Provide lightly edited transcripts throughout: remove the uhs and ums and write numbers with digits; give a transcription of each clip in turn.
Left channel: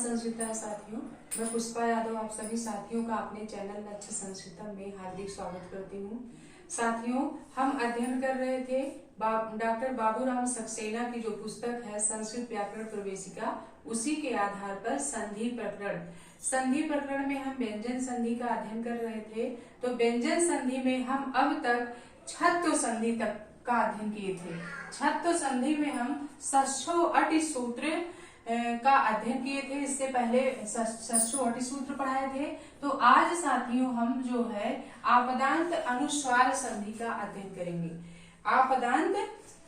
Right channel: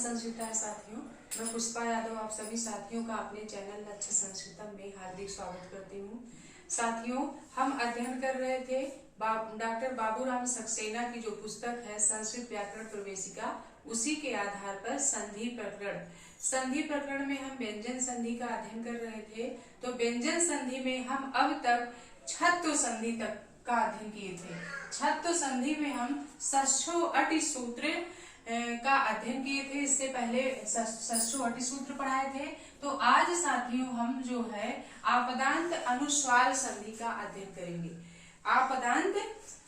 संस्कृता है साथियों। मैं पुष्पा यादव आप सभी साथियों का अपने चैनल लक्ष्य संस्कृतम में हार्दिक स्वागत करती हूँ। साथियों, हम अध्ययन कर रहे थे डॉक्टर बाबूराम सक्सेना की जो पुस्तक है संस्कृत व्याकरण प्रवेशिका, उसी के आधार पर संधि प्रकरण में हम व्यंजन संधि का अध्ययन कर रहे थे। तो व्यंजन संधि में हम अब तक छत्व संधि तक का अध्ययन किए थे। छत्व संधि में हम षष्ठो अटि सूत्र का अध्ययन किए थे। इससे पहले षष्ठो अटि सूत्र पढ़ाए थे। तो आज साथियों हम जो है आपदांत अनुस्वार संधि का अध्ययन करेंगे। आपदांत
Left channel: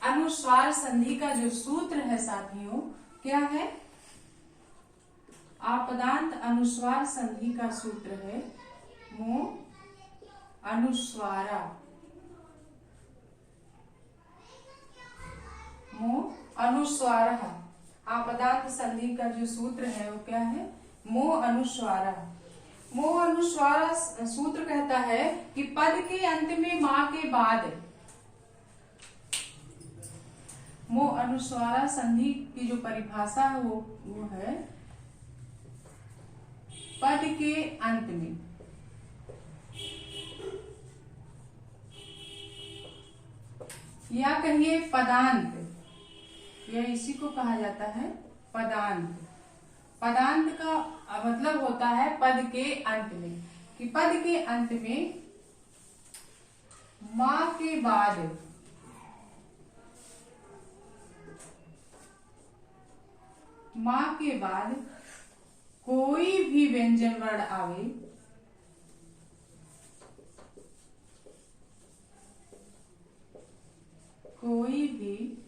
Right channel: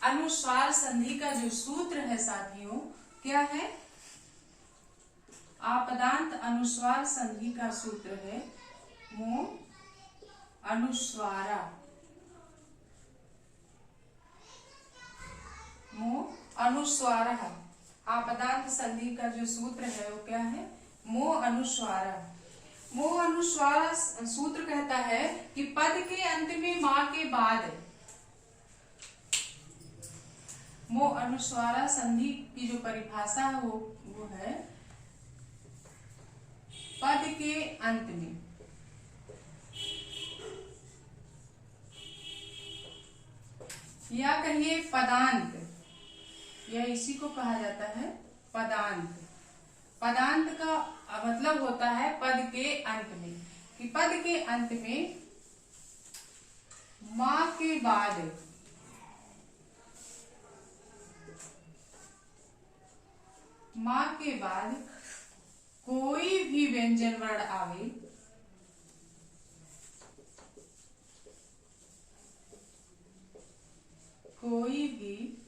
अनुस्वार संधि का जो सूत्र है साथियों क्या है? आपदांत अनुस्वार संधि का सूत्र है मो अनुस्वारा। मो अनुस्वारा। आपदांत संधि का जो सूत्र है वो क्या है? मो अनुस्वारा। मो अनुस्वारा सूत्र कहता है कि पद के अंत में मां के बाद, मो अनुस्वारा संधि की जो परिभाषा है वो है पद के अंत में या कहिए पदांत, यह इसी को कहा जाता है पदांत। पदांत का मतलब होता है पद के अंत में, कि पद के अंत में मां के बाद कोई भी व्यंजन वर्ण आवे, कोई भी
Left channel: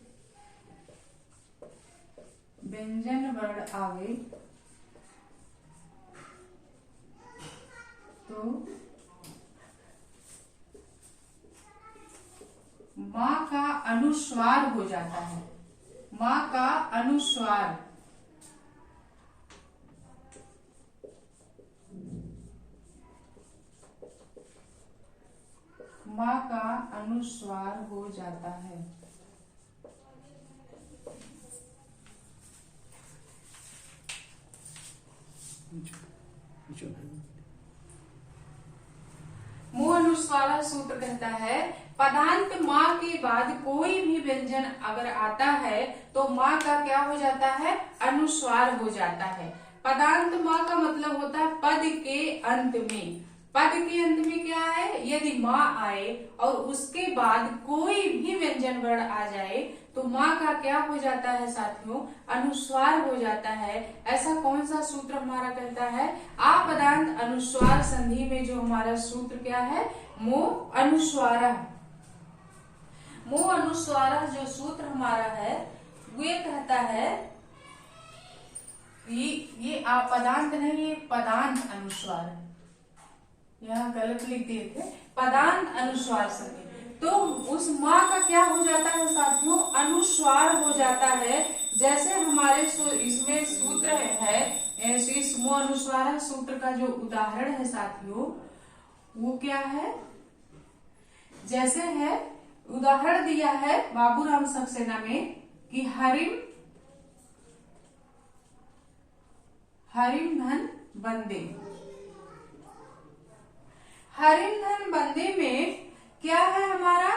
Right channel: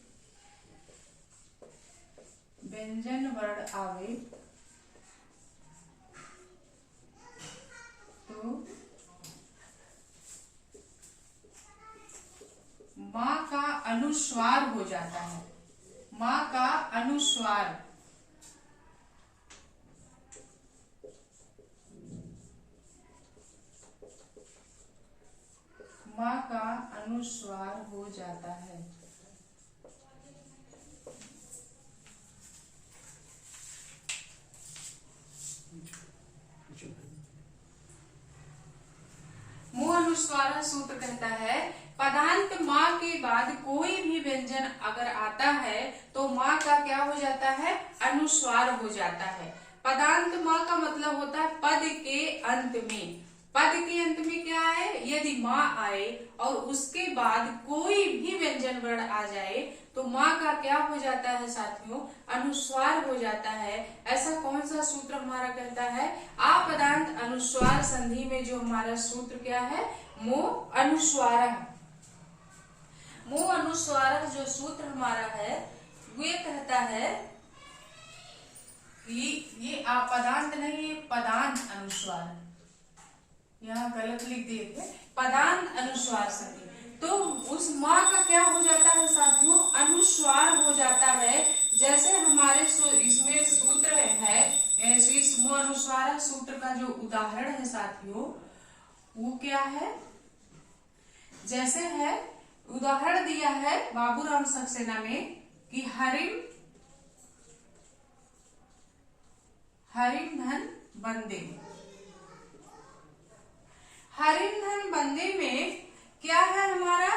व्यंजन वर्ण आवे तो मां का अनुस्वार हो जाता है। मां का अनुस्वार, मां का अनुस्वार हो जाता है। मो अनुस्वारा सूत्र कहता है पदांत मां के बाद कोई भी व्यंजन अगर आता है तो मां का क्या हो जाता है? अनुस्वार हो जाता है। पदांत मां का मतलब होता है पद के अंत में। पद के अंत में क्या है? यदि मां आए और उसके बाद कोई भी व्यंजन वर्ण आ जाए तो मां का क्या हो जाता है साथियों? अनुस्वार हो जाता है। ऐसा कौन सा सूत्र हमारा कहता है? आपदांत अनुस्वार संधि में जो हमारा सूत्र क्या है? मो अनुस्वारा। मो अनुस्वारा जो सूत्र हमारा है वे कहता है ये आपदांत नहीं, ये पदांत अनुस्वार, यहाँ गलत लिख दिए थे, पदांत अनुस्वार संधि। तो उस मां का क्या हो जाता है साथियों? अनुस्वार हो जाता है। जैसे हमारे इसमें सूत्र है, इस मो अनुस्वार सूत्र का जो उदाहरण है साथियों वो क्या है? जैसे है उदाहरण दिया है बाबूराम सक्सेना में कि हरिम धन बंदे। हरिम धन बंदे में क्या है हमारा?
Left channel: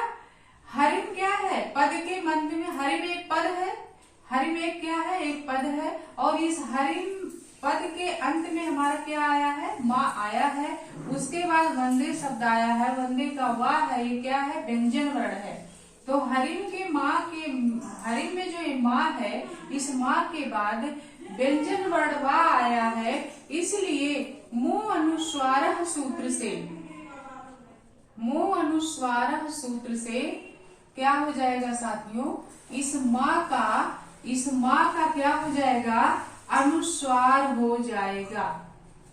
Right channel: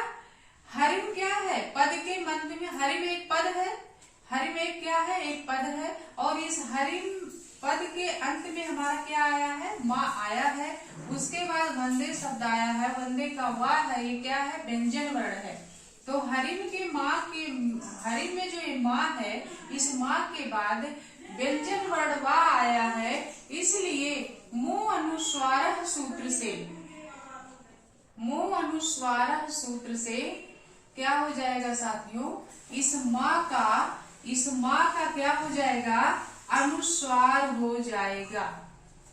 हरिम क्या है? पद के मंत्र में हरिम एक पद है। हरिम एक क्या है? एक पद है। और इस हरिम पद के अंत में हमारा क्या आया है? मां आया है। उसके बाद वंदे शब्द आया है। वंदे का वाह है, ये क्या है? व्यंजन वर्ण है। तो हरिम में जो ये मां है, इस मां के बाद व्यंजन वर्ण वाह आया है। इसलिए मो अनुस्वार सूत्र से क्या हो जाएगा साथियों? इस मां का क्या हो जाएगा? अनुस्वार हो जाएगा।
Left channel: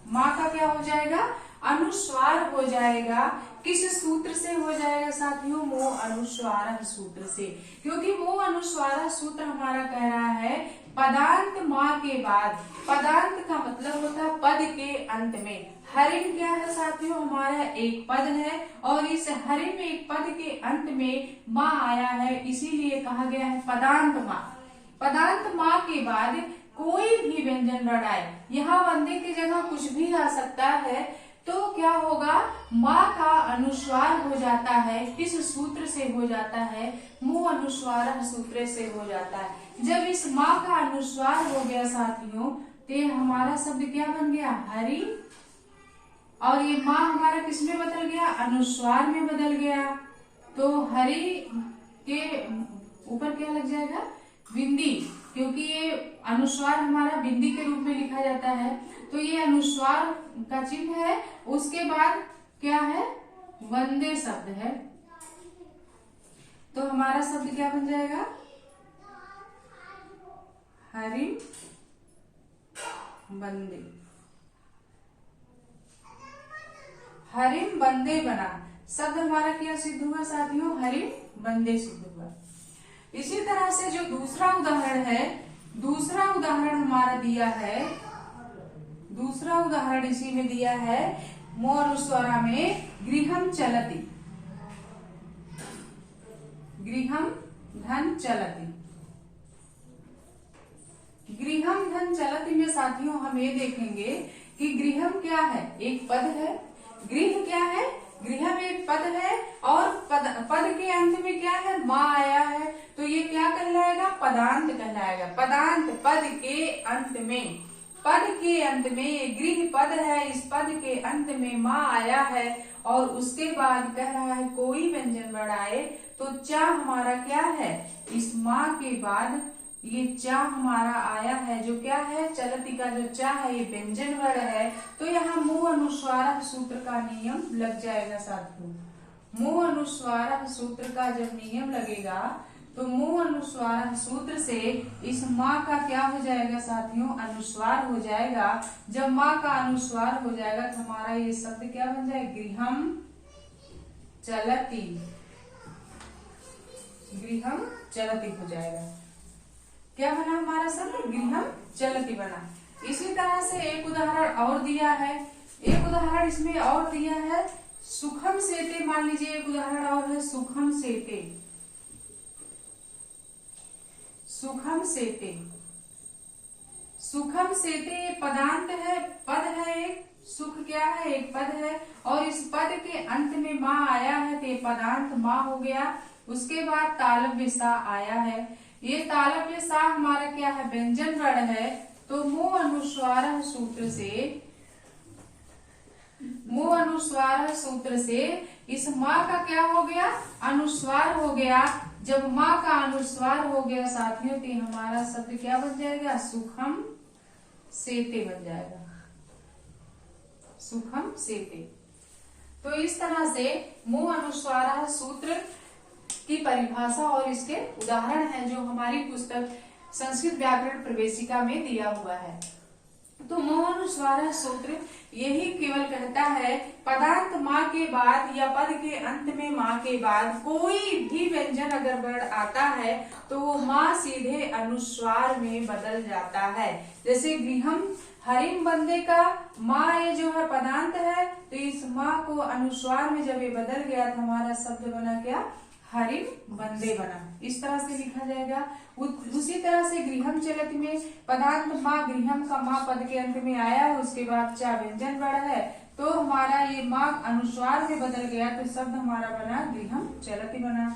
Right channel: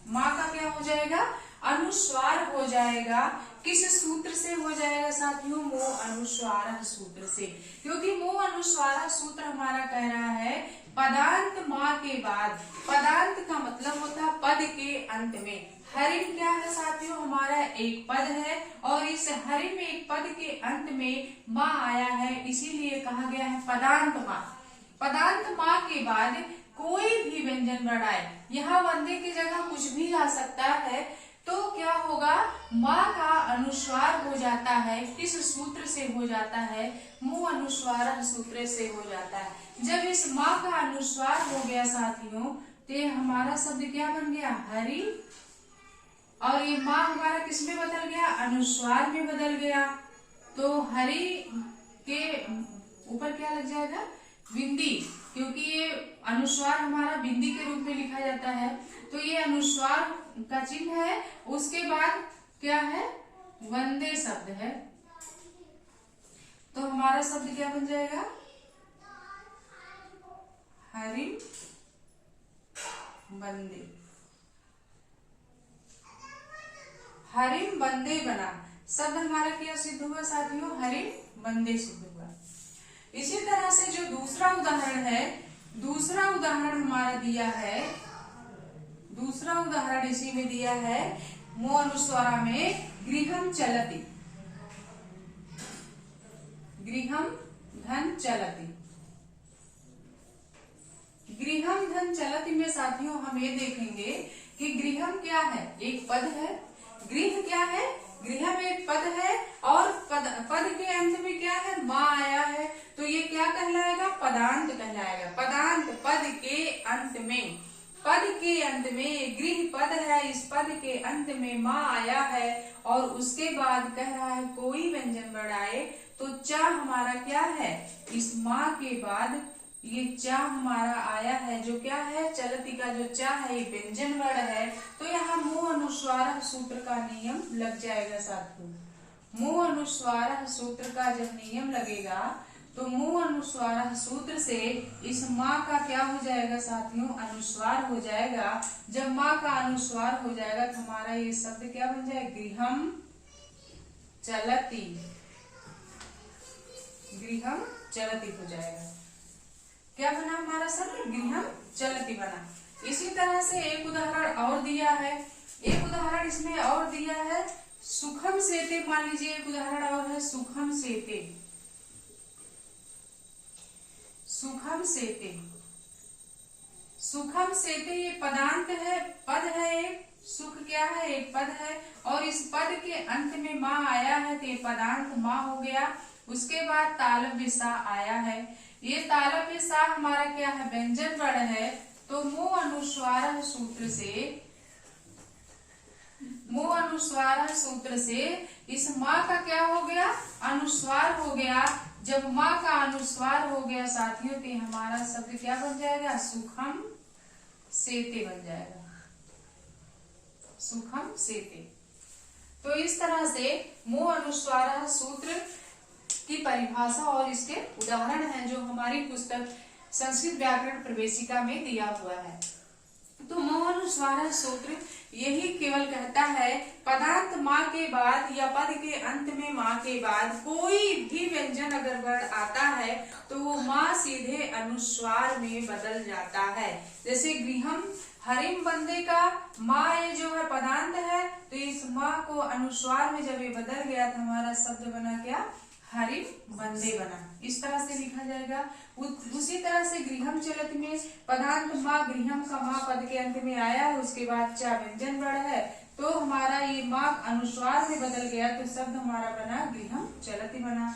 मां का क्या हो जाएगा? अनुस्वार हो जाएगा। किस सूत्र से हो जाएगा साथियों? मो अनुस्वार सूत्र से। क्योंकि मो अनुस्वार सूत्र हमारा कह रहा है पदांत मां के बाद। पदांत का मतलब होता है पद के अंत में। हरिम क्या है साथियों? हमारा एक पद है और इस हरिम एक पद के अंत में मां आया है, इसीलिए कहा गया है पदांत मां। पदांत मां के बाद कोई भी व्यंजन वर्ण आए, यहाँ वंदे की जगह कुछ भी आ सकता है, तो क्या होगा, माँ का अनुस्वार हो जाता है, किस सूत्र से हो जाता है, मुंह अनुस्वार सूत्र से हो जाता है। जब इस माँ का अनुस्वार हो गया साथियों, तो हमारा शब्द क्या बन गया, हरि, और ये माँ हमारा किस में बदल गया, अनुस्वार में बदल गया। तो हरि के ऊपर क्या लग जाएगा, बिंदी, क्योंकि ये अनुस्वार हमारा बिंदी के रूप में लिखा जाता है, तो ये अनुस्वार का चिन्ह है। उसके बाद क्या है, वंदे शब्द है, तो हमारा शब्द क्या बन जाएगा, हरिम बंदे, हरिम बंदे बना। शब्द हमारा क्या सिद्ध हुआ साथियों, हरिम बंदे सिद्ध हुआ। इसी तरह से जो दूसरा उदाहरण है, दूसरा उदाहरण हमारा दिया है, दूसरा उदाहरण इसी में दिया है, मो अनुस्वारा में गृहम चलति, गृहम धन चलति। गृहम धन चलति में साथियों हम ये देखेंगे कि गृहम क्या है, एक पद है, गृह क्या है, गृह में एक पद है, और पद के अंत में क्या है, माँ आया है, तो ये क्या कहलाएगा, पदांत कहलाएगा। पदांत पद के अंत में, पद के अंत में गृह पद है, इस पद के अंत में माँ आया है, और उसके बाद कह रहा है कोई व्यंजन वर्ण आए, तो चा हमारा क्या है, इस माँ के बाद ये चा हमारा आया है, जो क्या है, चलती का जो चा है ये व्यंजन वर्ण है, तो यहाँ मुंह अनुस्वार सूत्र का नियम लग जाएगा साथियों। मुंह अनुस्वार सूत्र का जब नियम लगेगा, तो मुंह अनुस्वार सूत्र से इस माँ का क्या हो जाएगा साथियों, अनुस्वार हो जाएगा। जब माँ का अनुस्वार हो जाएगा तो हमारा ये शब्द क्या बन जाएगा, गृहम चलती, गृहम चलती हो जाएगा। क्या बना हमारा शब्द, गृहम चलती बना। इसी तरह से एक उदाहरण और दिया है, एक उदाहरण इसमें और दिया है, सुखम सेते, मान लीजिए एक उदाहरण और है, सुखम सेते, सुखम सेते, सुखम सेते ये पदांत है, पद है एक, सुख क्या है, एक पद है, और इस पद के अंत में माँ आया है, तो ये पदांत माँ हो गया। उसके बाद तालव्य सा आया है, ये तालव्य सा हमारा क्या है, व्यंजन वर्ण है, तो मुंह अनुस्वार सूत्र से, मुंह अनुस्वार सूत्र से इस माँ का क्या हो गया, अनुस्वार हो गया। जब माँ का अनुस्वार हो गया साथियों, तो हमारा शब्द क्या बन जाएगा, सुखम सेते बन जाएगा, सुखम सेते। तो इस तरह से मुंह अनुस्वार सूत्र की परिभाषा और इसके उदाहरण हैं जो हमारी पुस्तक संस्कृत व्याकरण प्रवेशिका में दिया हुआ है। तो मुंह अनुस्वार सूत्र यही केवल कहता है, पदार्थ माँ के बाद या पद के अंत में माँ के बाद कोई भी व्यंजन अगर वर्ण आता है तो वो माँ सीधे अनुस्वार में बदल जाता है। जैसे गृहम हरिम बंदे का माँ ये जो है पदांत है, तो इस माँ को अनुस्वार में जब ये बदल गया तो हमारा शब्द बना क्या, हरिम बंदे बना। इस तरह से लिखा जाएगा। उसी तरह से गृहम चलति में पदांत माँ, गृहम का माँ पद के अंत में आया, उसके बाद चा व्यंजन वर्ण है, तो हमारा ये माँ अनुस्वार में बदल गया, तो शब्द हमारा बना गृहम चलति बना।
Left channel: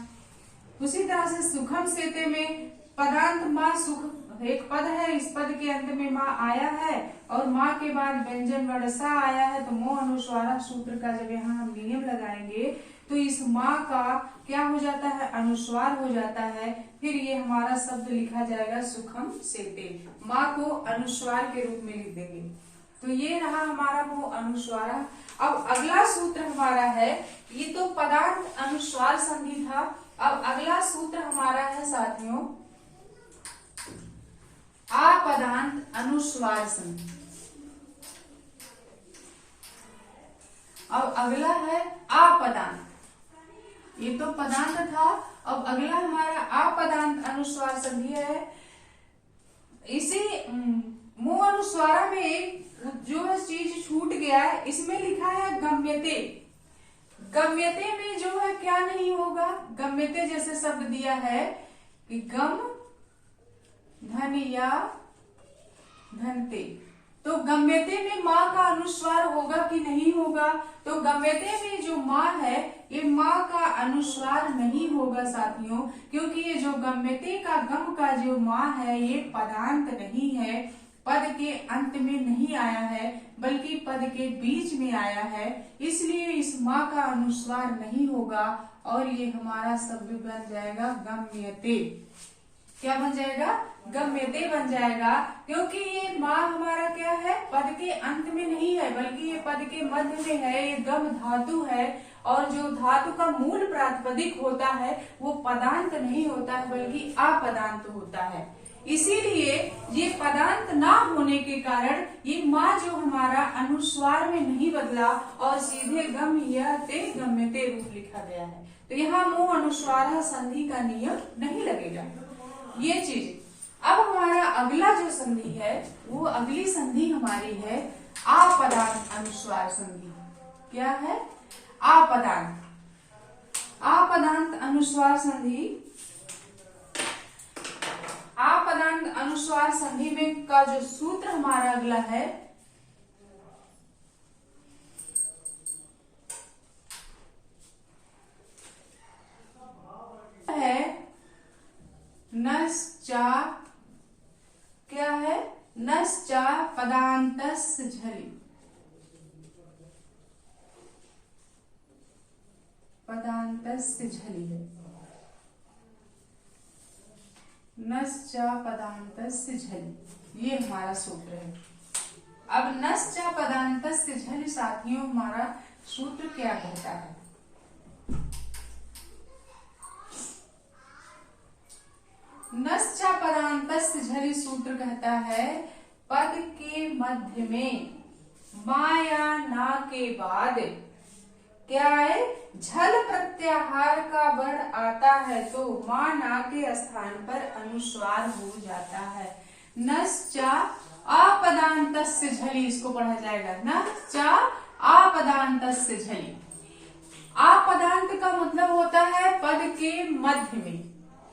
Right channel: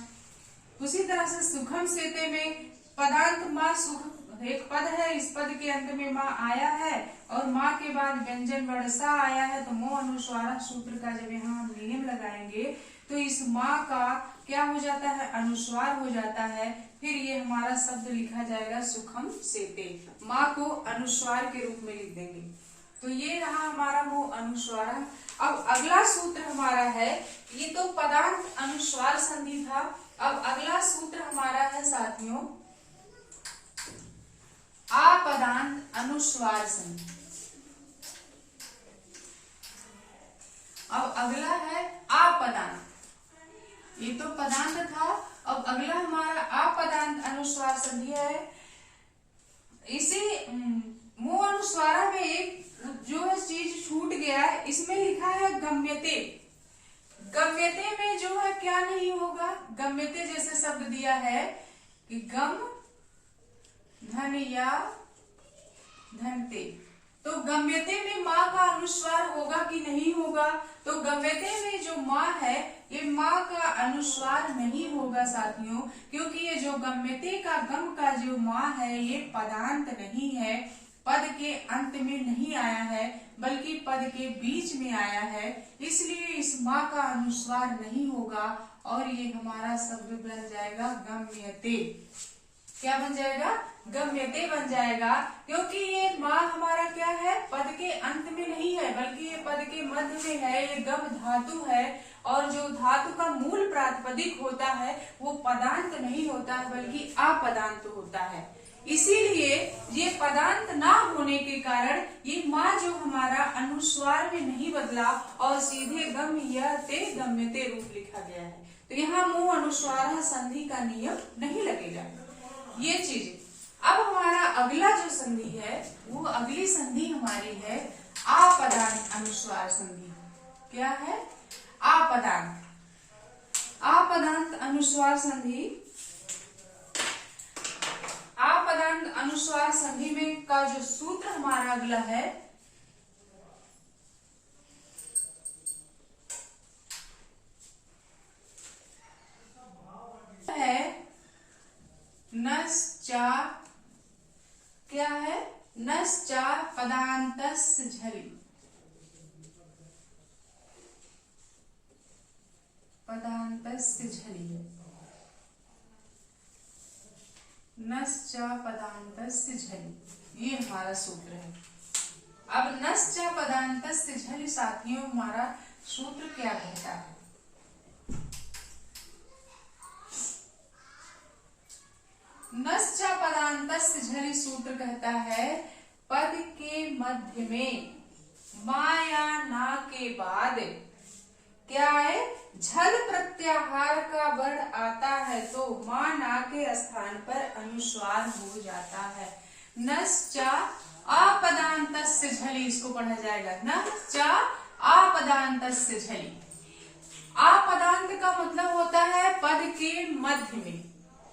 उसी तरह से सुखम सेते में पदांत माँ, सुख एक पद है, इस पद के अंत में माँ आया है और माँ के बाद व्यंजन वर्ण सा आया है, तो मोह अनुस्वार सूत्र का जब यहाँ हम नियम लगाएंगे तो इस माँ का क्या हो जाता है, अनुस्वार हो जाता है। फिर ये हमारा शब्द लिखा जाएगा सुखम सेते, माँ को अनुस्वार के रूप में लिख देंगे। तो ये रहा हमारा वो अनुस्वार। अब अगला सूत्र हमारा है, ये तो पदांत अनुस्वार संधि था। अब अगला सूत्र हमारा है साथियों अपदांत अनुस्वार संधि। अब अगला है अपदांत, ये तो पदांत था, अब अगला हमारा अपदांत अनुस्वार संधि है। इसी मुंह अनुस्वारा में एक जो है चीज छूट गया है, इसमें लिखा है गम्यते। गम्यते में जो है क्या नहीं होगा, गम्यते जैसे शब्द दिया है कि गम धन या धन्ते। तो गम्यते में माँ का अनुस्वार होगा कि नहीं होगा? तो गम्यते में जो माँ है ये माँ का अनुस्वार नहीं होगा साथियों, क्योंकि ये जो गम्यते का गम का जो माँ है ये पदांत नहीं है, पद के अंत में नहीं आया है बल्कि पद के बीच में आया है, इसलिए इस माँ का अनुस्वार नहीं होगा और ये हमारा शब्द बन जाएगा गम्यते। क्या बन जाएगा? गम्यते बन जाएगा, क्योंकि ये माँ हमारा क्या है, पद के अंत में नहीं है बल्कि ये पद के मध्य में है, ये गम धातु है और जो धातु का मूल प्रातिपदिक होता है वो पदांत नहीं होता है बल्कि अपदांत होता है। इसीलिए ये पदांत ना होने के कारण ये माँ जो हमारा अनुस्वार में नहीं बदला और सीधे गम्यते गम्यते रूप लिखा गया है। तो यहाँ मुंह अनुस्वार संधि का नियम नहीं लगेगा ये चीज। अब हमारा अगला जो संधि है वो अगली संधि हमारी है अपदांत अनुस्वार संधि। क्या है? अपदांत। अपदांत अनुस्वार संधि। अपदांत अनुस्वार संधि में का जो सूत्र हमारा अगला है नश्चा। क्या है? नश्चा पदांतस्य झलि। पदांतस्य झलि है। नश्चा पदांतस्य झलि ये हमारा सूत्र है। अब नश्चा पदांतस्य झलि साथियों हमारा सूत्र क्या कहता है? नश्चा पदांतस्य झलि सूत्र कहता है पद के मध्य में माँ या ना के बाद क्या है, झल प्रत्याहार का वर्ण आता है तो माँ ना के स्थान पर अनुस्वार हो जाता है। नश्चा अपदांतस्य झलि इसको पढ़ा जाएगा। नश्चा अपदांतस्य झलि। अपदांत का मतलब होता है पद के मध्य में।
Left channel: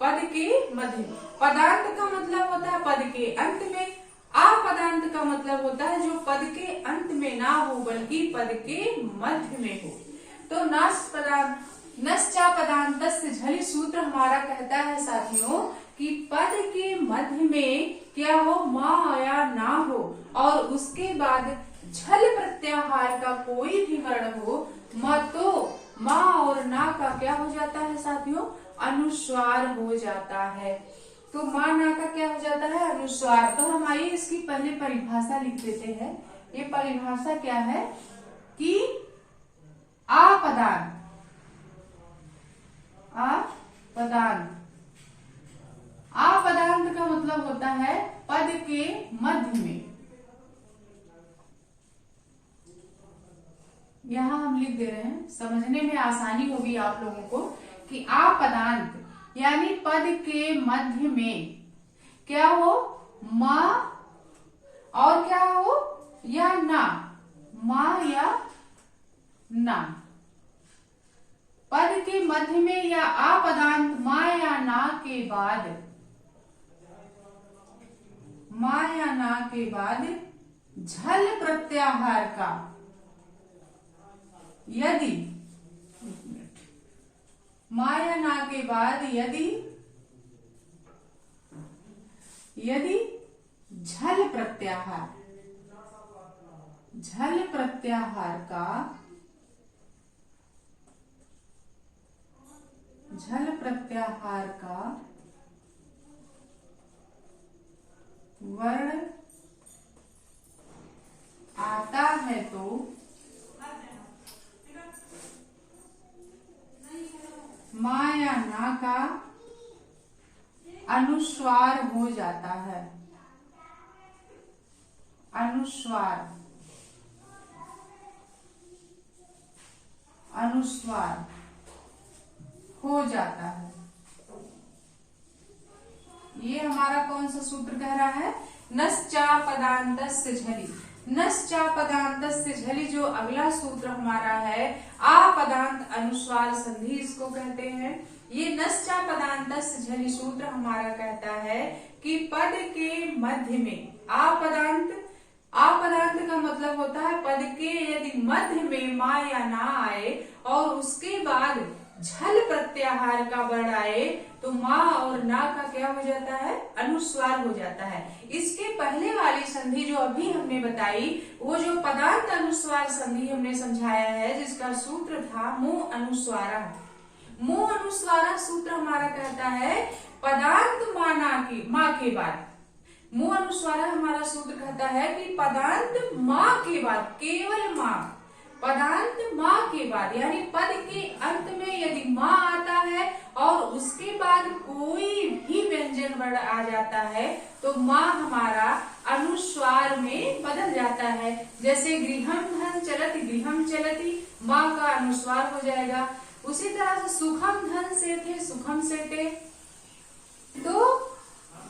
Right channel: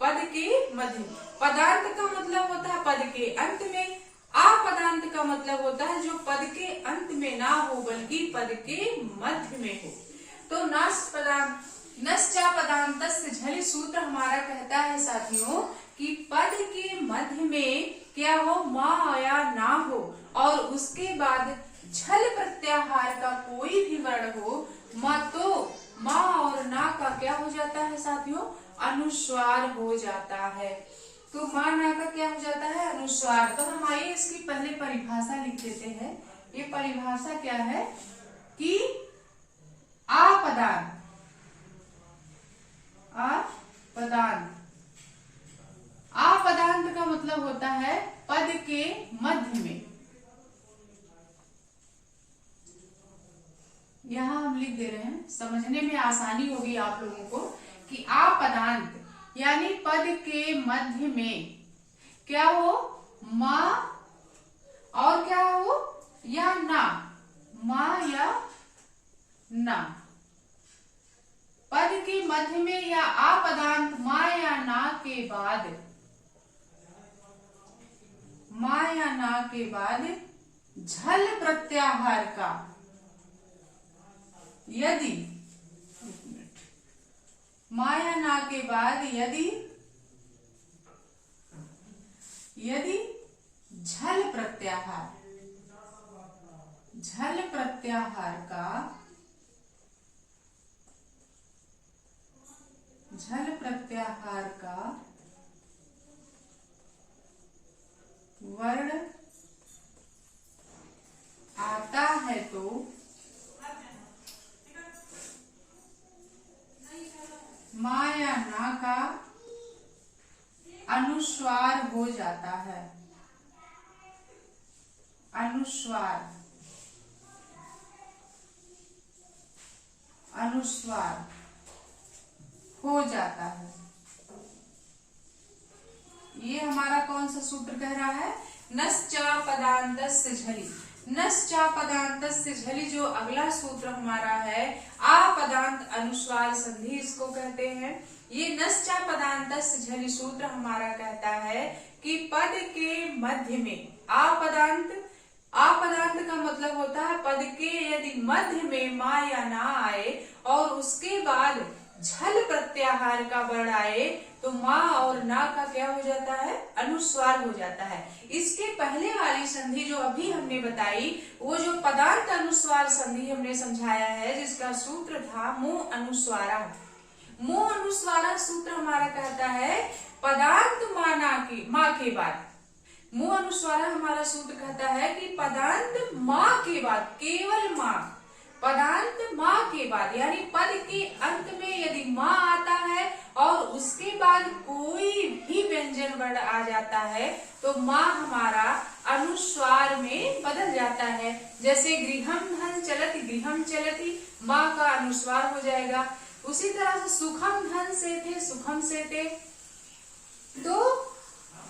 पद के मध्य। पदांत का मतलब होता है पद के अंत में। अपदांत का मतलब होता है जो पद के अंत में ना हो बल्कि पद के मध्य में हो। तो नश्चा पदांतस्य झलि सूत्र हमारा कहता है साथियों कि पद के मध्य में क्या हो, माँ या ना हो और उसके बाद झल प्रत्याहार का कोई भी वर्ण हो, तो माँ और ना का क्या हो जाता है साथियों, अनुस्वार हो जाता है। तो माँ ना का क्या हो जाता है, अनुस्वार। तो हम आइए इसकी पहले परिभाषा लिख देते हैं। ये परिभाषा क्या है कि अपदांत। अपदांत का मतलब होता है पद के मध्य में। यहां हम लिख दे रहे हैं, समझने में आसानी होगी आप लोगों को कि अपदांत यानी पद के मध्य में क्या हो, माँ और क्या हो, या ना, माँ या ना। पद के मध्य में या अपदांत माँ या ना के बाद, माँ या ना के बाद झल प्रत्याहार का यदि, माँ या ना के बाद यदि झल प्रत्याहार का वर्ण आता है तो माँ या ना का अनुस्वार हो जाता है। अनुस्वार हो जाता है। ये हमारा कौन सा सूत्र कह रहा है, नश्चा पदांतस्य झलि। नश्चा पदांतस्य झलि जो अगला सूत्र हमारा है, अपदांत अनुस्वार संधि इसको कहते हैं। ये नश्चा पदांतस्य झलि सूत्र हमारा कहता है कि पद के मध्य में आपदांत, आपदांत का मतलब होता है पद के यदि मध्य में मा या ना आए और उसके बाद झल प्रत्याहार का वर्ण आए तो मा और ना का क्या हो जाता है, अनुस्वार हो जाता है। इसके पहले वाली संधि जो अभी हमने बताई वो जो पदांत अनुस्वार संधि हमने समझाया है जिसका सूत्र था मुंह अनुस्वारा। मुंह अनुस्वारा सूत्र हमारा कहता है पदांत माँ के बाद, मुंह अनुस्वारा हमारा सूत्र कहता है कि पदांत माँ के बाद, केवल माँ, पदांत माँ के बाद यानी पद के अंत में यदि माँ आता है और उसके बाद कोई भी व्यंजन वर्ण आ जाता है तो माँ हमारा अनुस्वार में बदल जाता है। जैसे गृहम धन चलति, गृहम चलति, माँ का अनुस्वार हो जाएगा। उसी तरह से सुखम धन से थे, सुखम से थे। तो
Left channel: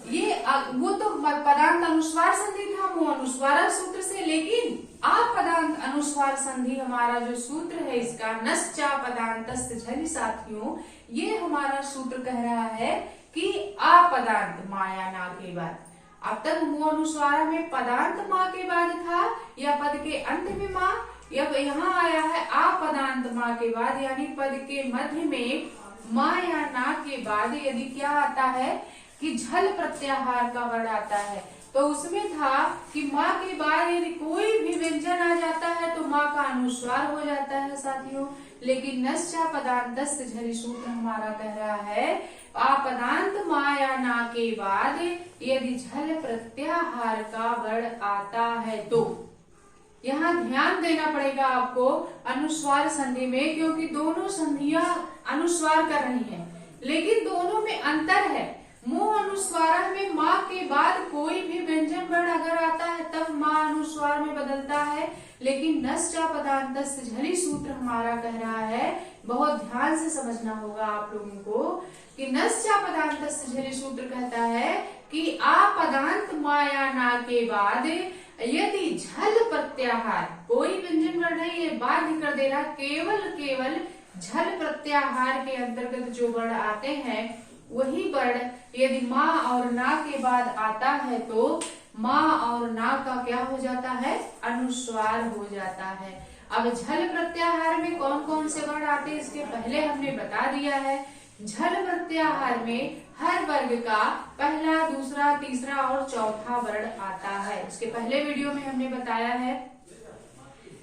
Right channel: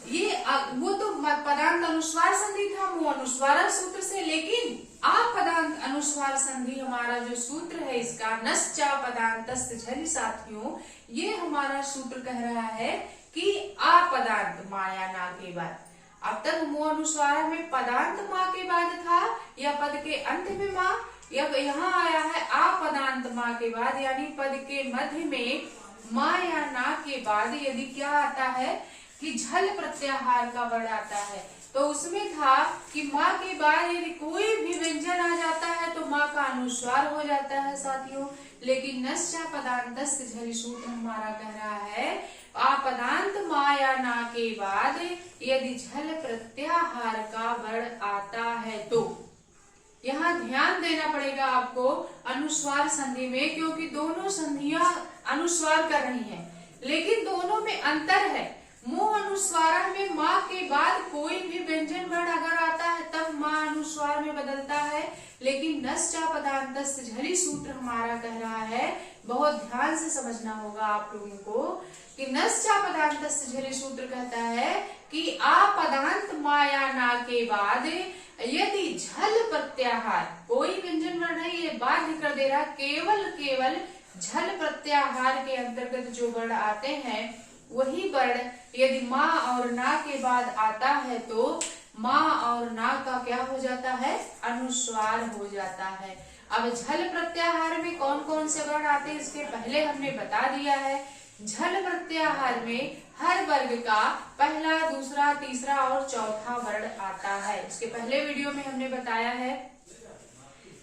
ये वो तो पदांत अनुस्वार संधि था मुंह अनुस्वार सूत्र से, लेकिन आपदांत अनुस्वार संधि हमारा जो सूत्र है इसका नश्चा पदांतस्य झलि साथियों, ये हमारा सूत्र कह रहा है कि आपदांत माया ना के बाद। अब तक मुंह अनुस्वार में पदांत माँ के बाद था या पद के अंत में माँ, अब यहाँ आया है आपदांत माँ के बाद यानी पद के मध्य में माँ या ना के बाद यदि क्या आता है कि झल प्रत्याहार का वर्ण आता है। तो उसमें था कि माँ के बाद यदि कोई भी व्यंजन आ जाता है तो माँ का अनुस्वार हो जाता है साथियों। लेकिन नश्चा पदांतस्य झलि सूत्र हमारा कह रहा है आपदांत माँ या ना के बाद यदि झल प्रत्याहार का वर्ण आता है तो यहाँ ध्यान देना पड़ेगा आपको अनुस्वार संधि में, क्योंकि दोनों संधियां अनुस्वार कर रही हैं लेकिन दोनों में अंतर है। मुंह अनुस्वार में माँ के बाद कोई भी व्यंजन वर्ण अगर आता है तब माँ अनुस्वार में बदलता है, लेकिन नश्चा पदांतस्य झलि सूत्र हमारा कह रहा है, बहुत ध्यान से समझना होगा आप लोगों को कि नश्चा पदांतस्य झलि सूत्र कहता है कि आपदांत माँ या ना के बाद यदि झल प्रत्याहार, कोई व्यंजन वर्ण है ये बाध्य कर दे रहा, केवल झल प्रत्याहार के अंतर्गत जो वर्ण आते हैं वही वर्ण यदि माँ और ना के बाद आता है तो माँ और ना का क्या हो जाता है, अनुस्वार हो जाता है। अब झल प्रत्याहार में कौन कौन से वर्ण आते हैं इसके पहले हमने बता दिया है। झल प्रत्याहार में हर वर्ग का पहला, दूसरा, तीसरा और चौथा वर्ण आता है, उसके पहले वीडियो में हमने बताया है।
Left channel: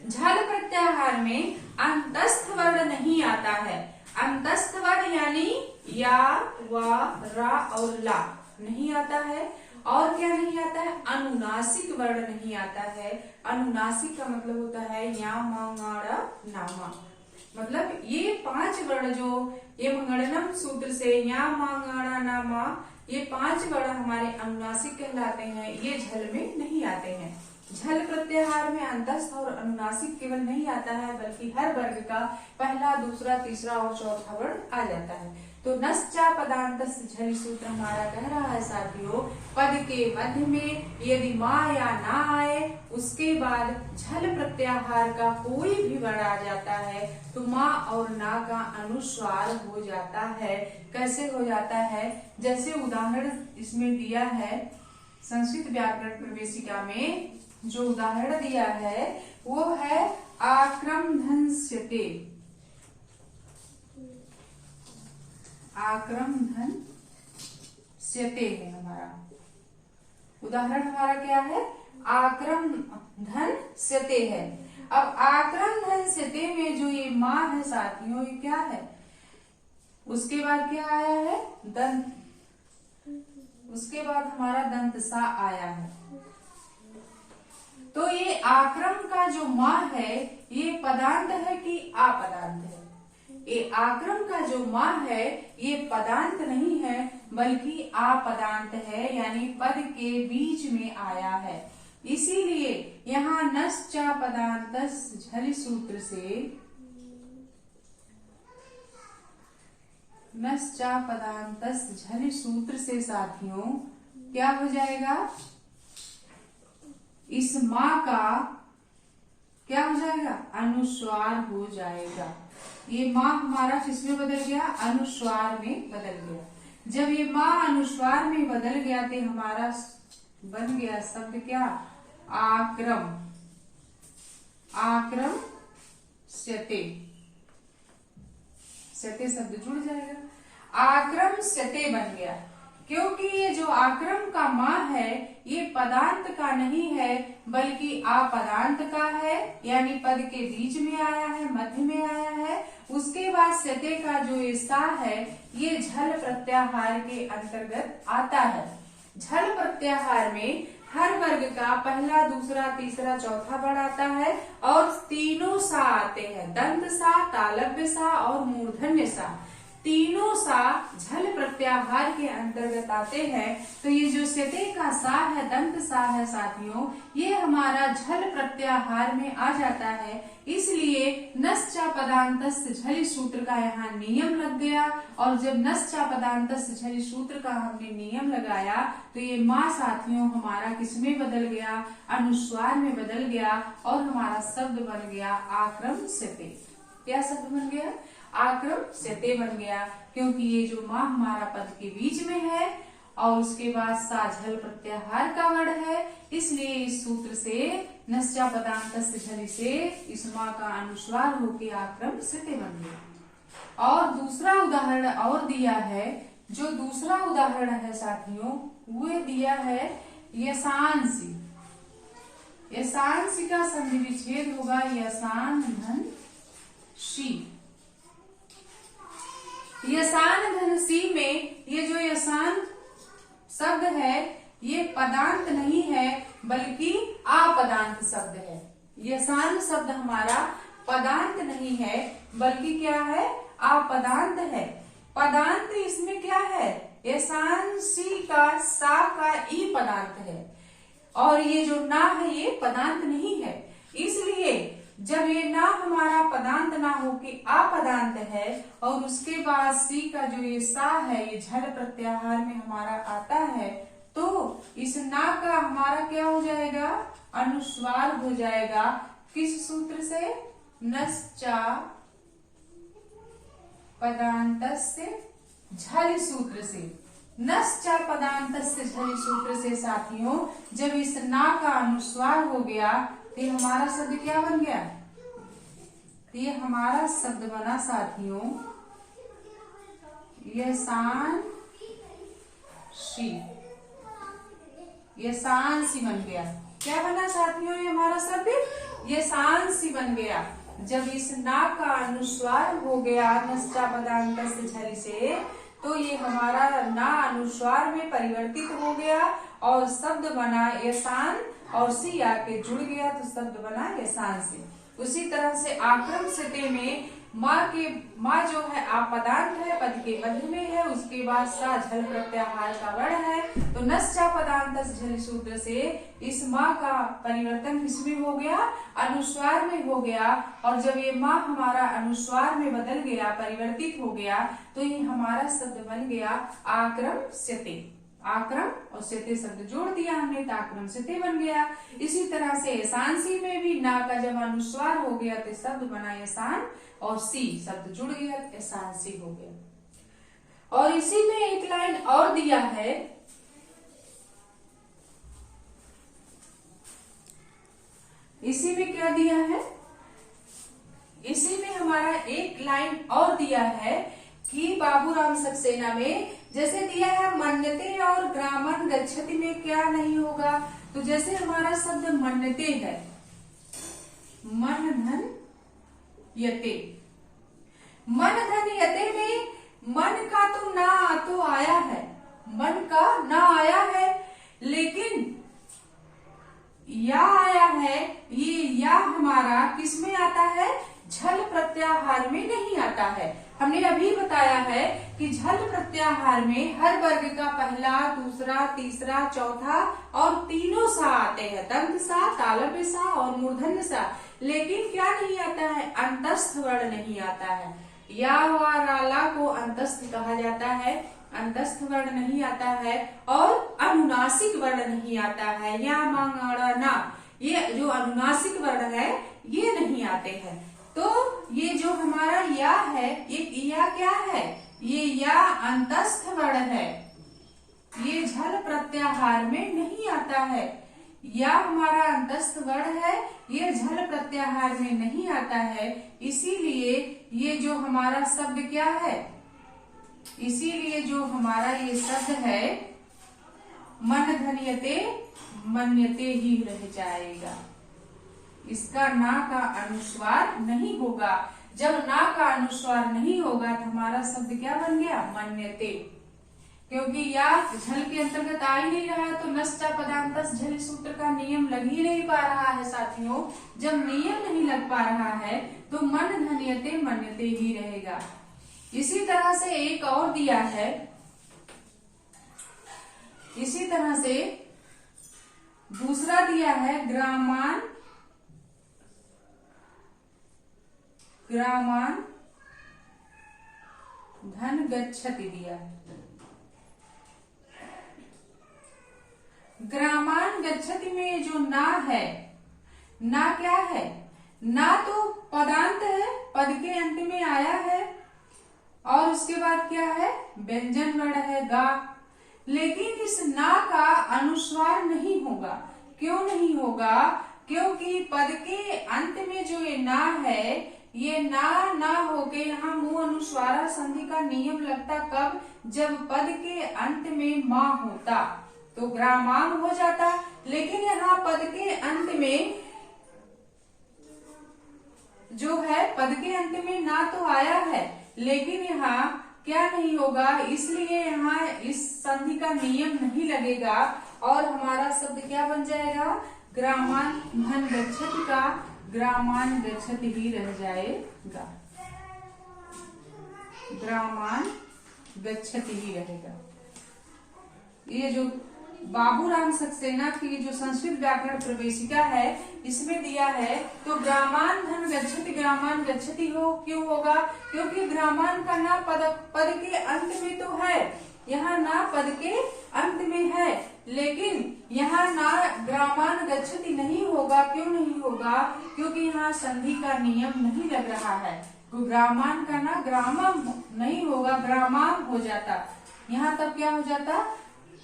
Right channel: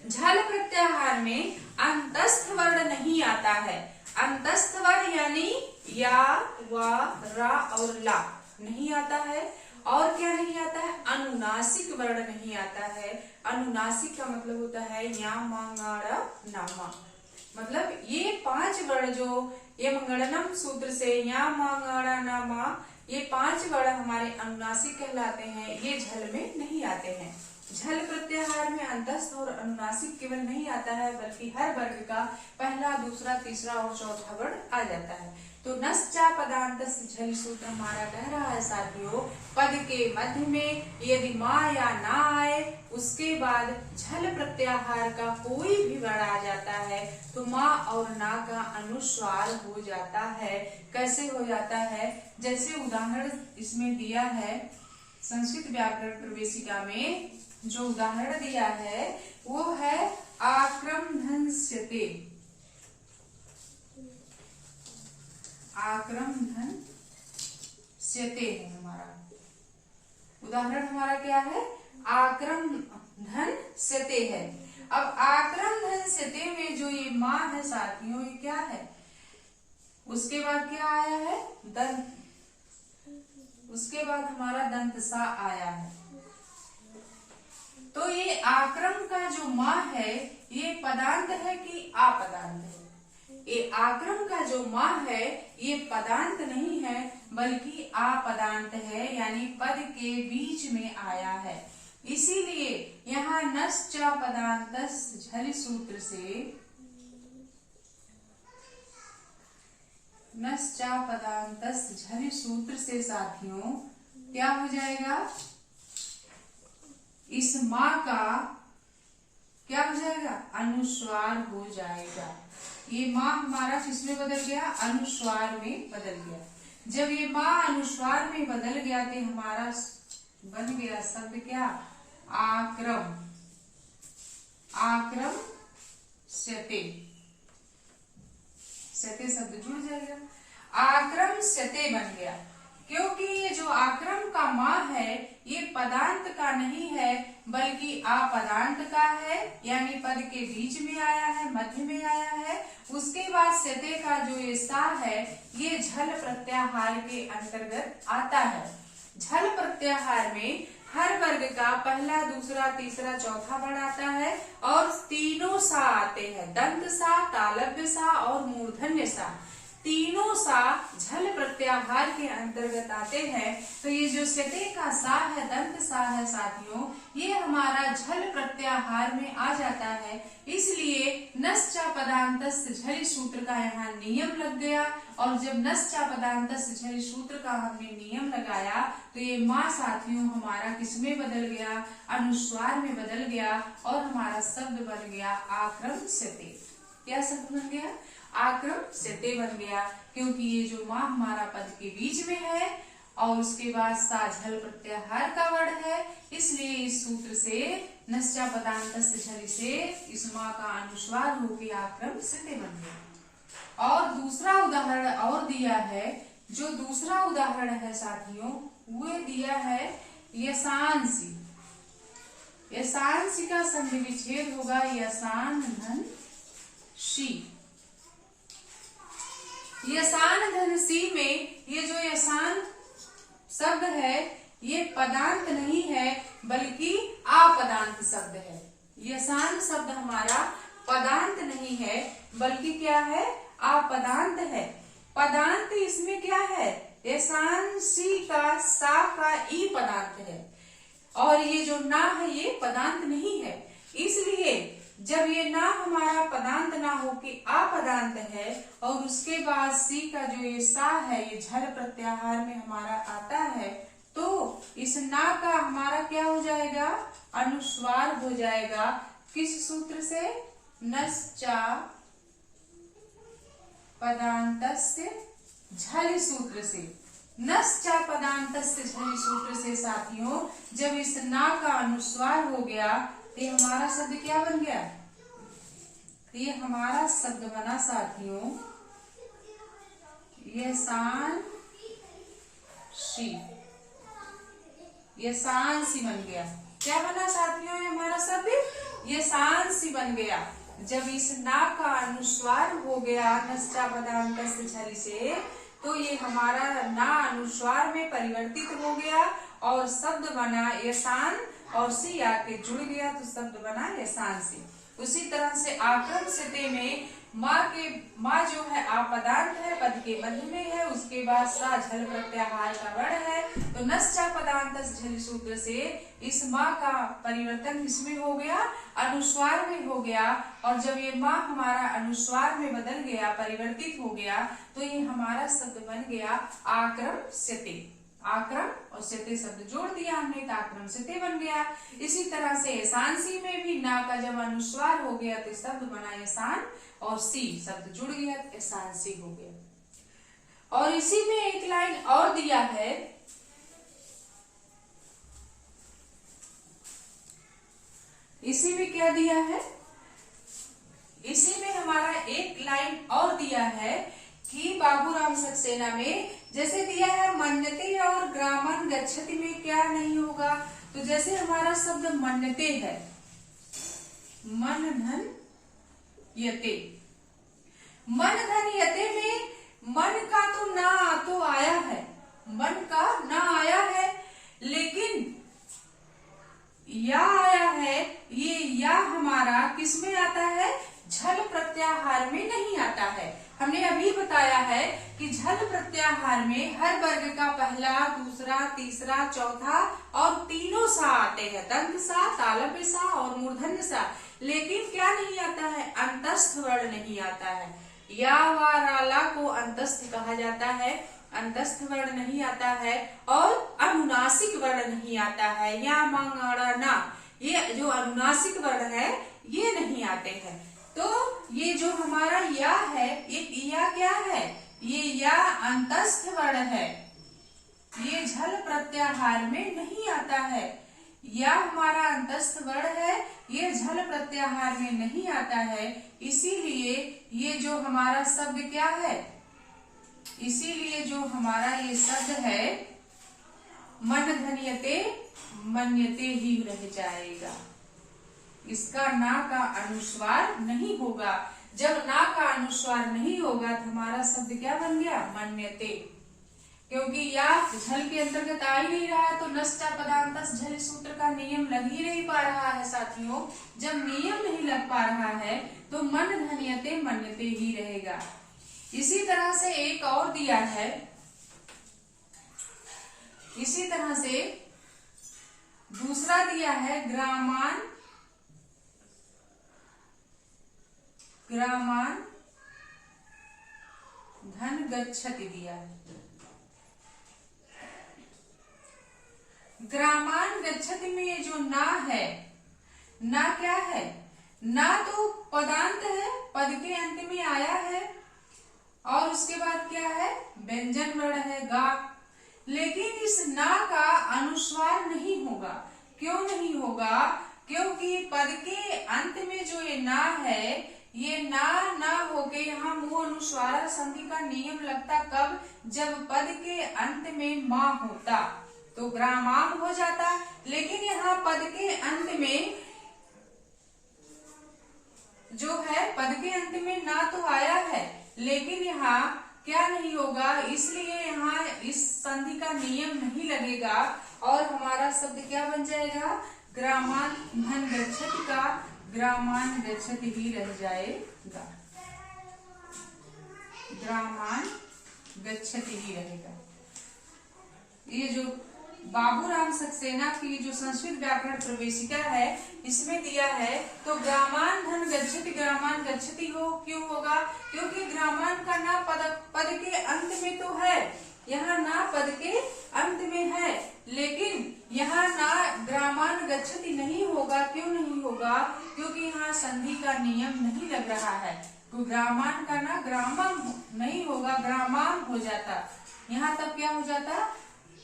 झल प्रत्याहार में अंतस्थ वर्ण नहीं आता है। अंतस्थ वर्ण यानी या, वा, रा और ला नहीं आता है। और क्या नहीं आता है, अनुनासिक वर्ण नहीं आता है। अनुनासिक का मतलब होता है या, मा, ङा, ड़ा, ना, मा, मतलब ये 5 वर्ण जो ये मंगणनम सूत्र से या, मा, ङा, ड़ा, ना, मा, ये 5 वर्ण हमारे अनुनासिक कहलाते हैं, ये झल में नहीं आते हैं। झल प्रत्याहार में अंतस्थ और अनुनासिक केवल नहीं आता है बल्कि हर वर्ग का पहला, दूसरा, तीसरा और चौथा वर्ण आ जाता है। तो नश्चा पदांतस्य झलि सूत्र हमारा कह रहा है साथियों, पद के मध्य में यदि माँ या ना आए उसके बाद झल प्रत्याहार का कोई भी वर्ण आ जाता है तो माँ और ना का अनुस्वार हो जाता है। कैसे हो जाता है, जैसे उदाहरण इसमें दिया है संस्कृत व्याकरण प्रवेशिका में, जो उदाहरण दिया है वो है आक्रमधंस्यते। आक्रमधंस्यते है हमारा उदाहरण, हमारा क्या है, आक्रमधंस्यते है। अब आक्रमधंस्यते में जो ये माँ है साथियों, ये क्या है, उसके बाद क्या आया है, दंत, उसके बाद हमारा दंत सा आया है। तो ये आक्रम का जो माँ है ये पदांत है कि अपदांत है। ये आक्रम का जो माँ है ये पदांत नहीं है बल्कि अपदांत है, यानी पद के बीच में आया है। इसीलिए यहाँ नश्चा पदांतस्य झलि सूत्र से, नश्चा पदांतस्य झलि सूत्र से साथियों क्या हो जाएगा, इस माँ का क्या हो जाएगा, अनुस्वार हो जाएगा। ये माँ हमारा किसमें बदल गया, अनुस्वार में बदल गया। जब ये माँ अनुस्वार में बदल गया तो हमारा बन गया शब्द क्या, आक्रम, आक्रम स्यते, स्यते शब्द जुड़ जाएगा, आक्रम स्यते बन गया। क्योंकि ये जो आक्रम का मा है ये पदांत का नहीं है बल्कि अपदांत का है, यानी पद के बीच में आया है, मध्य में आया है। उसके बाद स्यते का जो ये सा है ये झल प्रत्याहार के अंतर्गत आता है। झल प्रत्याहार में हर वर्ग का पहला, दूसरा, तीसरा, चौथा वर्ड आता है और तीनों सा आते हैं, दंत सा, तालव्य सा और मूर्धन्य सा। तीनों सा झल प्रत्याहार के अंतर्गत आते हैं। तो ये जो स्यते का सा है, दंत सा है साथियों, ये हमारा झल प्रत्याहार में आ जाता है। इसलिए नश्चा पदांतस्य झलि सूत्र का यहाँ नियम लग गया। और जब नश्चा पदांतस्य झलि सूत्र का हमने नियम लगाया तो ये माँ साथियों हमारा किसमें बदल गया, अनुस्वार में बदल गया और हमारा शब्द बन गया आक्रम स्यते। क्या शब्द बन गया, आक्रम स्यते बन गया। क्योंकि ये जो माँ हमारा पद के बीच में है और उसके बाद सा झल प्रत्याहार का वर्ण है, इसलिए इस सूत्र से नश्चा पदांतस्य झलि से इस माँ का अनुस्वार होके आक्रम स्यते बन गया। और दूसरा उदाहरण और दिया है, जो दूसरा उदाहरण है साथियों वो दिया है यशांसी। यशांसी का संधि विच्छेद होगा यशान धन शी। यशान धन सी में ये जो यशान शब्द है ये पदांत नहीं है बल्कि अपदांत शब्द है। यशान शब्द हमारा पदांत नहीं है बल्कि क्या है, अपदांत है। पदांत इसमें क्या है, यशान सी का सा का ई पदांत है और ये जो ना है ये पदांत नहीं है। इसलिए जब ये ना हमारा पदांत ना हो कि अपदांत है और उसके बाद सी का जो ये सा है ये झल प्रत्याहार में हमारा आता है तो इस ना का हमारा क्या हो जाएगा, अनुस्वार हो जाएगा। किस सूत्र से, नश्चा पदांतस्य झलि सूत्र से। नश्चा पदांतस्य झलि सूत्र से साथियों जब इस ना का अनुस्वार हो गया तो हमारा शब्द क्या बन गया, ये हमारा शब्द बना साथियों यशान शी। यशान सी बन गया। क्या बना साथियों, ये हमारा शब्द यशान सी बन गया। जब इस ना का अनुस्वार हो गया नश्चा पदांतस्य झलि से तो ये हमारा ना अनुस्वार में परिवर्तित हो गया और शब्द बना यशान और सी आके जुड़ गया तो शब्द बना यशान सी। उसी तरह से आक्रम स्यते में माँ जो है अपदांत है, पद के मध्य में है, उसके बाद सा झल प्रत्याहार का वर्ण है। तो नश्चा पदांतस्य झलि सूत्र से इस माँ का परिवर्तन किसमें हो गया, अनुस्वार में हो गया। और जब ये माँ हमारा अनुस्वार में बदल गया, परिवर्तित हो गया तो ये हमारा शब्द बन गया आक्रम स्यते। आक्रम और स्यते शब्द जोड़ दिया हमने तो आक्रम स्यते बन गया। इसी तरह से यशांसी में भी ना का जब अनुस्वार हो गया तो शब्द बना यशान और सी शब्द जुड़ गया तो यशांसी हो गया। और इसी में एक लाइन और दिया है, इसी में क्या दिया है, इसी में हमारा एक लाइन और दिया है कि बाबूराम सक्सेना में जैसे दिया है मन्यते और ग्रामन गच्छति में क्या नहीं होगा। तो जैसे हमारा शब्द मन्यते है, मन धन यते, मन धन यते में मन का तो ना तो आया है, मन का ना आया है लेकिन या आया है। ये या हमारा किसमें आता है, झल प्रत्याहार में नहीं आता है। हमने अभी बताया है कि झल प्रत्याहार में हर वर्ग का पहला, दूसरा, तीसरा, चौथा और तीनों सा आते हैं, दंत सा, तालव्य सा और मूर्धन्य सा। लेकिन क्या नहीं आता है, अंतस्थ वर्ण नहीं आता है। या वा राला को अंतस्थ कहा जाता है, अंतस्थ वर्ण नहीं आता है और अनुनासिक वर्ण नहीं आता है। या मांगाड़ा ना, ये जो अनुनासिक वर्ण है ये नहीं आते हैं। तो ये जो हमारा या है, ये या क्या है, ये या अंतस्थ वर्ण है। ये झल प्रत्याहार में नहीं आता है। या हमारा अंतस्थ वर्ण है, ये झल प्रत्याहार में नहीं आता है। इसीलिए ये जो हमारा शब्द क्या है, इसीलिए जो हमारा ये शब्द है मन धन्यते मन्यते ही रह जाएगा। इसका ना का अनुस्वार नहीं होगा। जब ना का अनुस्वार नहीं होगा तो हमारा शब्द क्या बन गया, मन्यते। क्योंकि या झल के अंतर्गत आ ही नहीं रहा है तो नष्टा पदांतस झल सूत्र का नियम लग ही नहीं पा रहा है साथियों। जब नियम नहीं लग पा रहा है तो मन धन्यते मन्यते ही रहेगा। इसी तरह से एक और दिया है, इसी तरह से दूसरा दिया है ग्रामान धन गच्छति दिया है। ग्रामान गच्छति में जो ना है, ना क्या है, ना तो पदांत है, पद के अंत में आया है और उसके बाद क्या है, व्यंजन वर्ण है गा। लेकिन इस ना का अनुस्वार नहीं होगा। क्यों नहीं होगा, क्योंकि पद के अंत में जो ये ना है, ये ना होके यहाँ मुंह अनुस्वारा संधि का नियम लगता कब, जब पद के अंत में मां होता तो ग्रामाम हो जाता। लेकिन यहाँ पद के अंत में जो है, पद के अंत में ना तो आया है लेकिन यहाँ क्या नहीं होगा, इसलिए यहाँ इस संधि का नियम नहीं लगेगा और हमारा शब्द क्या बन जाएगा, ग्रामान धन गच्छति का ग्रामान गच्छति ही रह जाएगा। ग्रामान गच्छति ही रहेगा। ये जो बाबूराम सक्सेना की जो संस्कृत व्याकरण प्रवेशिका है इसमें दिया है, तो ग्रामान धन गच्छति हो क्यों होगा, क्योंकि ग्रामान का ना पद के अंत में तो है, यहाँ ना पद के अंत में है, लेकिन यहाँ ना ग्रामान गच्छति नहीं होगा। क्यों नहीं होगा, क्योंकि यहाँ संधि का नियम नहीं लग रहा है। तो ग्रामान का ना ग्रामम नहीं होगा, ग्रामाम हो जाता। यहाँ तब क्या हो जाता,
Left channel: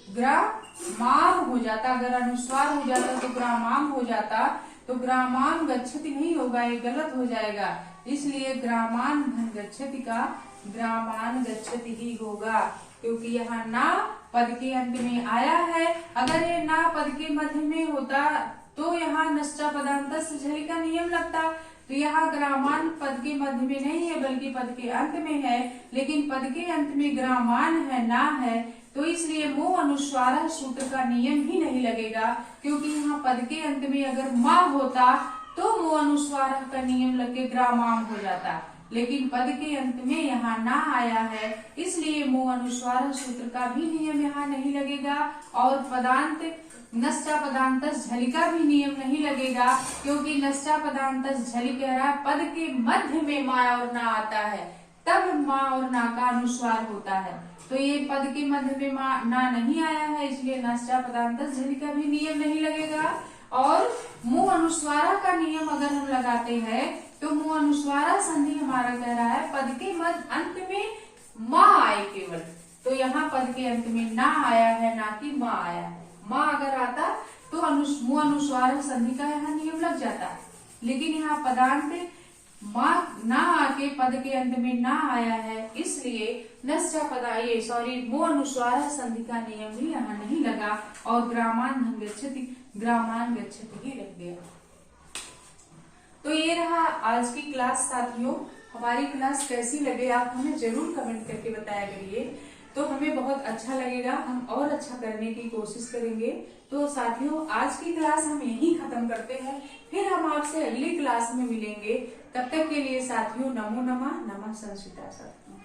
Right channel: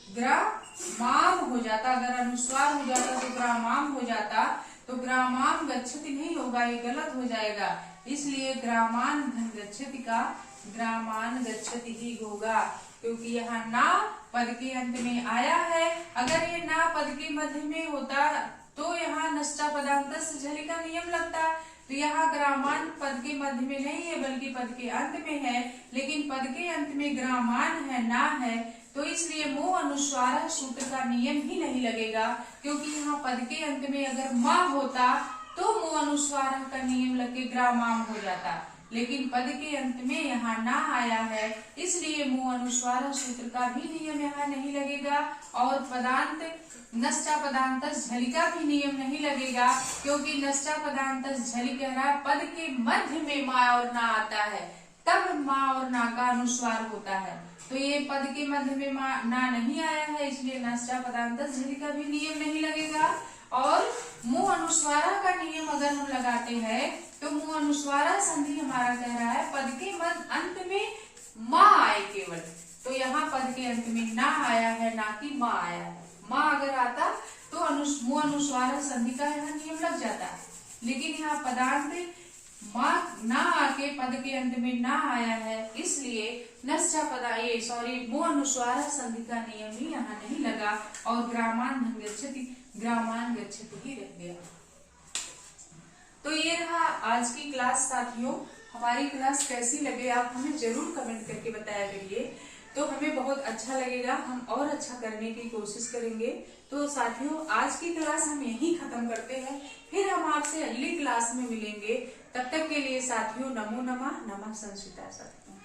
ग्रामाम हो जाता। अगर अनुस्वार हो जाता तो ग्रामाम हो जाता, तो ग्रामाम गच्छति नहीं होगा, ये गलत हो जाएगा। इसलिए ग्रामान धन गच्छति का ग्रामान गच्छति ही होगा, क्योंकि यहाँ ना पद के अंत में आया है। अगर ये ना पद के मध्य में होता तो यहाँ नष्टा पदांतस झलि का नियम लगता। तो यहाँ ग्रामान पद के मध्य में नहीं है बल्कि पद के अंत में है, लेकिन पद के अंत में ग्रामान है, ना है, तो इसलिए मुंह अनुस्वार सूत्र का नियम ही नहीं लगेगा। क्योंकि यहाँ पद के अंत में अगर माँ होता तो मुंह अनुस्वार का नियम लग के ग्रामाम हो जाता, लेकिन पद के अंत में यहाँ ना आया है, इसलिए मुंह अनुस्वार सूत्र का भी नियम यहाँ नहीं लगेगा और पदांत नष्टा पदांतस झलि का भी नियम नहीं लगेगा। क्योंकि नष्टा पदांतस झलि कह रहा है पद के मध्य में माँ और ना आता है, तब माँ और ना का अनुस्वार होता है। तो ये पद के मध्य में माँ ना नहीं आया है, इसलिए नष्टा पदांतस झलि का भी नियम नहीं लगेगा। और मुंह अनुस्वारा का नियम अगर हम लगाते हैं तो मुंह अनुस्वारा संधि हमारा कह रहा है पद के अंत में माँ आए केवल, तो यहाँ पद के अंत में ना आया है, ना कि माँ आया है। माँ अगर आता तो मुंह अनुस्वार संधि का यहाँ नियम लग जाता, लेकिन यहाँ पदांत माँ ना आके पद के अंत में ना आया है, इसलिए नष्टा मुंह अनुस्वार संधि का नियम भी यहाँ नहीं लगा और ग्रामान गच्छति ही रह गया। तो ये रहा आज की क्लास साथियों। हमारी क्लास कैसी लगे आप हमें जरूर कमेंट करके बताया करिए, तो हमें बहुत अच्छा लगेगा, हम और अच्छा करने की कोशिश करेंगे। तो साथियों आज की क्लास हम यहीं खत्म करते हैं, फिर हम आपसे अगली क्लास में मिलेंगे। तब तक के लिए साथियों नमो नमः, नमः संस्कृता साथियों।